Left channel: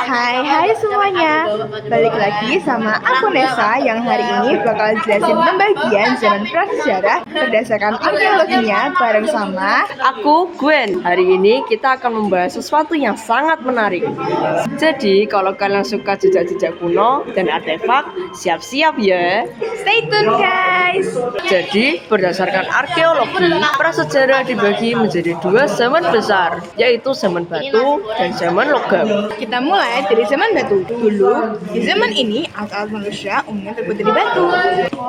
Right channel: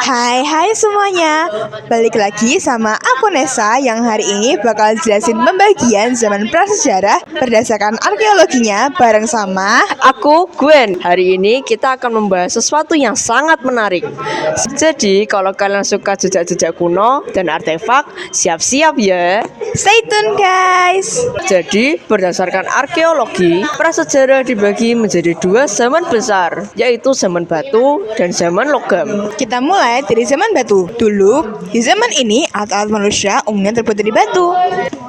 Hai semuanya, balik lagi sama aku Nesa yang hari ini bakal jelasin pembagian zaman prasejarah berdasarkan arkeologinya bareng sama Aku Gwen. Hari ini kita akan membahas sesuatu yang sangat menarik. Jadi kalau kalian suka jejak-jejak kuno dan artefak, siap-siap ya. Stay tune guys. Jadi berdasarkan arkeologi, prasejarah dibagi menjadi dua zaman besar, yaitu zaman batu dan zaman logam. Kita mulai dari zaman batu. Dulu, di zaman ini alat-alat manusia umumnya terbuat dari batu.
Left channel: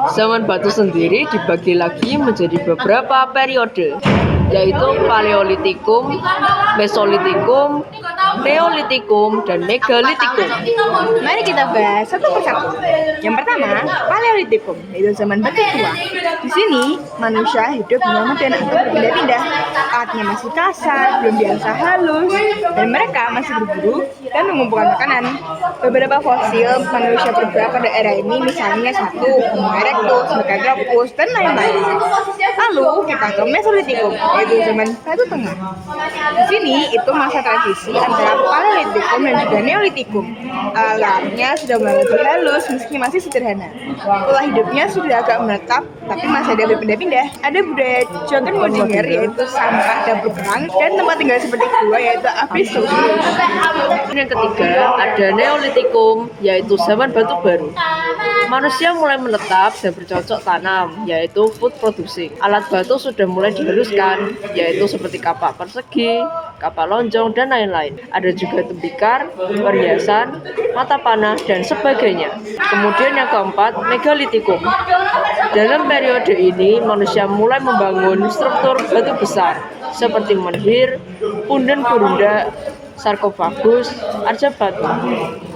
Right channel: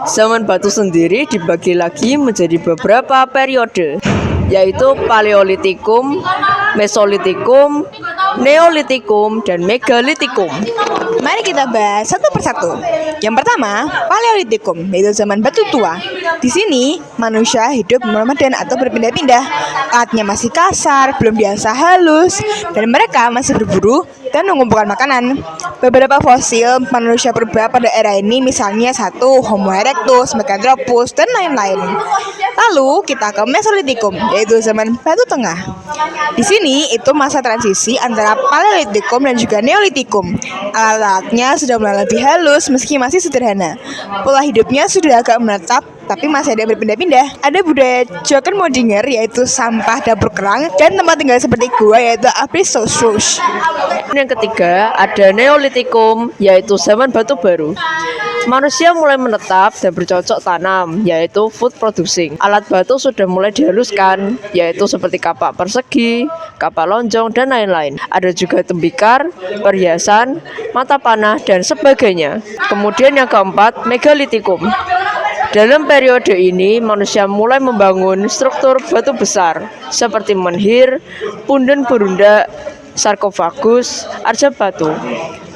Zaman batu sendiri dibagi lagi menjadi beberapa periode, yaitu Paleolitikum, Mesolitikum, Neolitikum, dan Megalitikum. Mari kita bahas satu persatu. Yang pertama, Paleolitikum, yaitu zaman batu tua. Di sini, manusia hidup nomaden atau berpindah-pindah. Alatnya masih kasar, belum diasah halus, dan mereka masih berburu dan mengumpulkan makanan. Beberapa fosil manusia purba pada era ini misalnya satu Homo erectus, Meganthropus, dan lain-lain. Lalu kita ke Mesolitikum, yaitu zaman batu tengah. Di sini itu masa transisi antara Paleolitikum dan juga Neolitikum. Alatnya sudah mulai lebih halus meski masih sederhana. Pola hidupnya sudah agak menetap, tapi masih ada yang berpindah-pindah. Ada budaya Joggenmodinger, yaitu sampah dapur kerang, dan tempat tinggal seperti gua, yaitu Apistosros. Yang ketiga ada Neolitikum, yaitu zaman batu baru. Manusia mulai menetap dan bercocok tanam, yaitu food producing. Alat batu sudah mulai dihaluskan, yaitu seperti kapak persegi, kapak lonjong, dan lain-lain. Ada juga tembikar, perhiasan, mata panah, dan sebagainya. Kemudian yang keempat, Megalitikum. Dalam periode ini, manusia mulai membangun struktur batu besar, seperti menhir, punden berunda, sarkofagus, arca batu.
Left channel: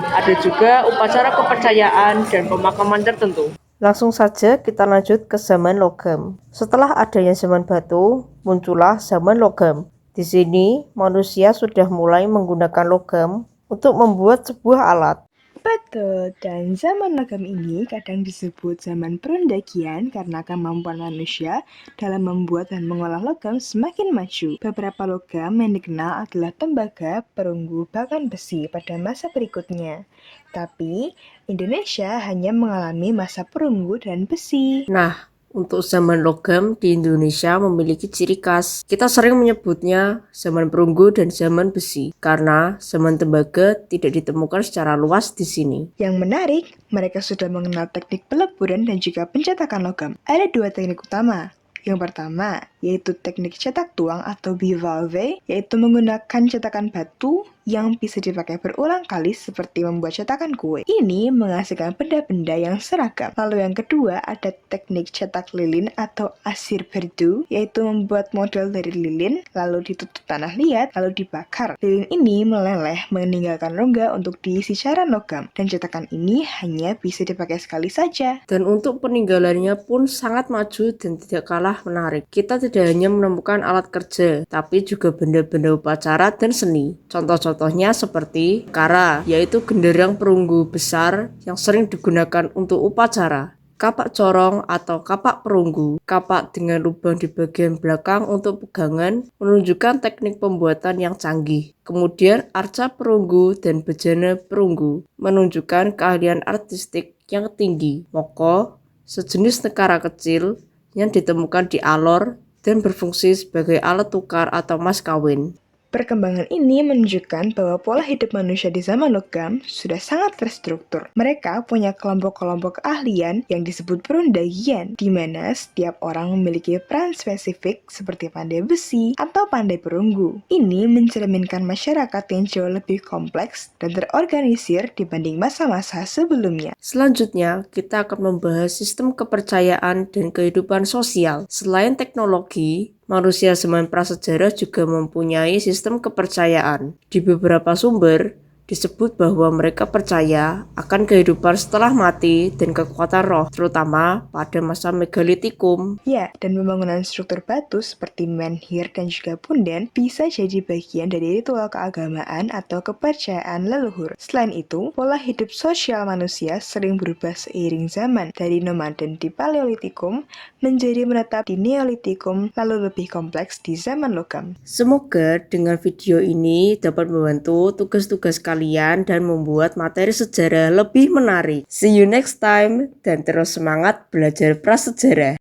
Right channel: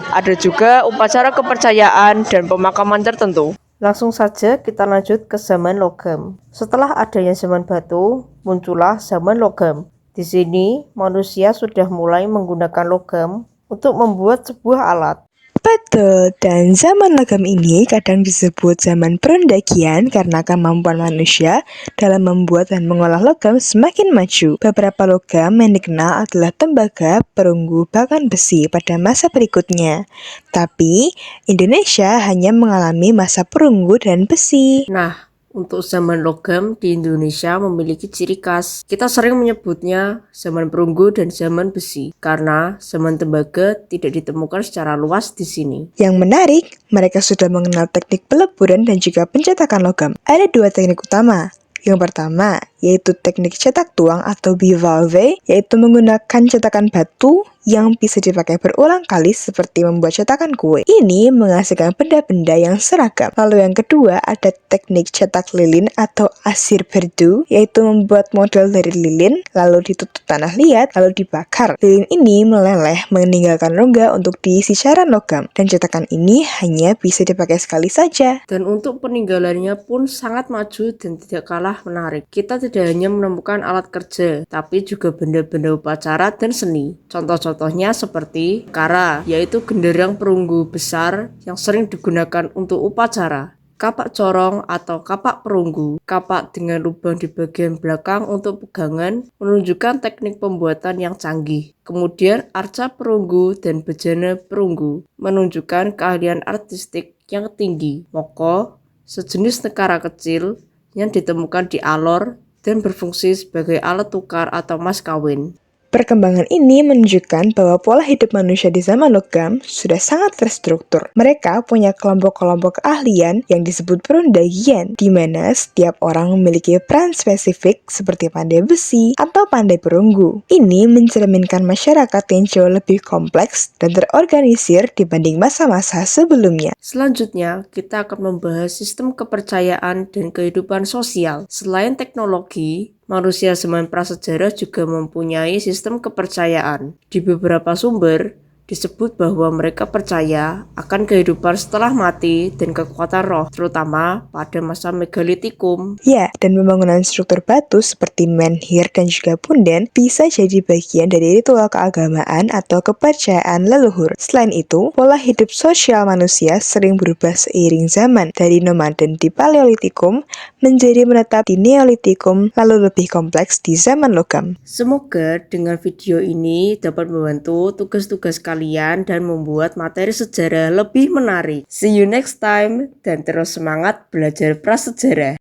Ada juga upacara kepercayaan dan pemakaman tertentu. Langsung saja kita lanjut ke zaman logam. Setelah adanya zaman batu, muncullah zaman logam. Di sini, manusia sudah mulai menggunakan logam untuk membuat sebuah alat. Betul, dan zaman logam ini kadang disebut zaman perendagian karena kemampuan manusia dalam membuat dan mengolah logam semakin maju. Beberapa logam yang dikenal adalah tembaga, perunggu, bahkan besi pada masa berikutnya. Tapi, Indonesia hanya mengalami masa perunggu dan besi. Nah, untuk zaman logam di Indonesia memiliki ciri khas. Kita sering menyebutnya zaman perunggu dan zaman besi karena zaman tembaga tidak ditemukan secara luas di sini. Yang menarik, mereka sudah mengenal teknik peleburan dan juga pencetakan logam. Ada dua teknik utama. Yang pertama, yaitu teknik cetak tuang atau bivalve, yaitu menggunakan cetakan batu yang bisa dipakai berulang kali seperti membuat cetakan kue. Ini menghasilkan benda-benda yang seragam. Lalu yang kedua ada teknik cetak lilin atau asir berdu, yaitu membuat model dari lilin, lalu ditutup tanah liat, lalu dibakar. Lilin ini meleleh meninggalkan rongga untuk diisi cairan logam, dan cetakan ini hanya bisa dipakai sekali saja. Dan untuk peninggalannya pun sangat maju dan tidak kalah menarik. Kita tidak hanya menemukan alat kerja, tapi juga benda-benda upacara dan seni. Contohnya seperti kara, yaitu genderang perunggu besar yang sering digunakan untuk upacara. Kapak corong atau kapak perunggu, kapak dengan lubang di bagian belakang untuk pegangan, menunjukkan teknik pembuatan yang canggih. Kemudian arca perunggu dan bejana perunggu, menunjukkan keahlian artistik yang tinggi. Moko, sejenis nekara kecil yang ditemukan di Alor dan berfungsi sebagai alat tukar atau mas kawin. Perkembangan ini menunjukkan bahwa pola hidup manusia di zaman logam sudah sangat terstruktur. Mereka punya kelompok-kelompok keahlian yang disebut perendagian, di mana setiap orang memiliki peran spesifik seperti pandai besi atau pandai perunggu. Ini mencerminkan masyarakat yang jauh lebih kompleks dan terorganisir dibanding masa-masa sebelumnya. Selanjutnya, kita akan membahas sistem kepercayaan dan kehidupan sosial. Selain teknologi, manusia zaman prasejarah juga mempunyai sistem kepercayaan. Di beberapa sumber, disebut bahwa mereka percaya akan kehidupan setelah mati dan kekuatan roh, terutama pada masa Megalitikum. Ya, dan pembangunan struktur batu seperti menhir dan juga punden bisa jadi bagian dari ritual keagamaan atau kepercayaan leluhur. Selain itu, pola hidup sosial manusia sering berubah seiring zaman, dari nomaden di Paleolitikum menjadi menetap di Neolitikum, lalu lebih kompleks di zaman logam. Semoga dengan video ini dapat membantu tugas-tugas kalian kalian dan membuat materi sejarah lebih menarik. See you next time dan terus semangat belajar prasejarah.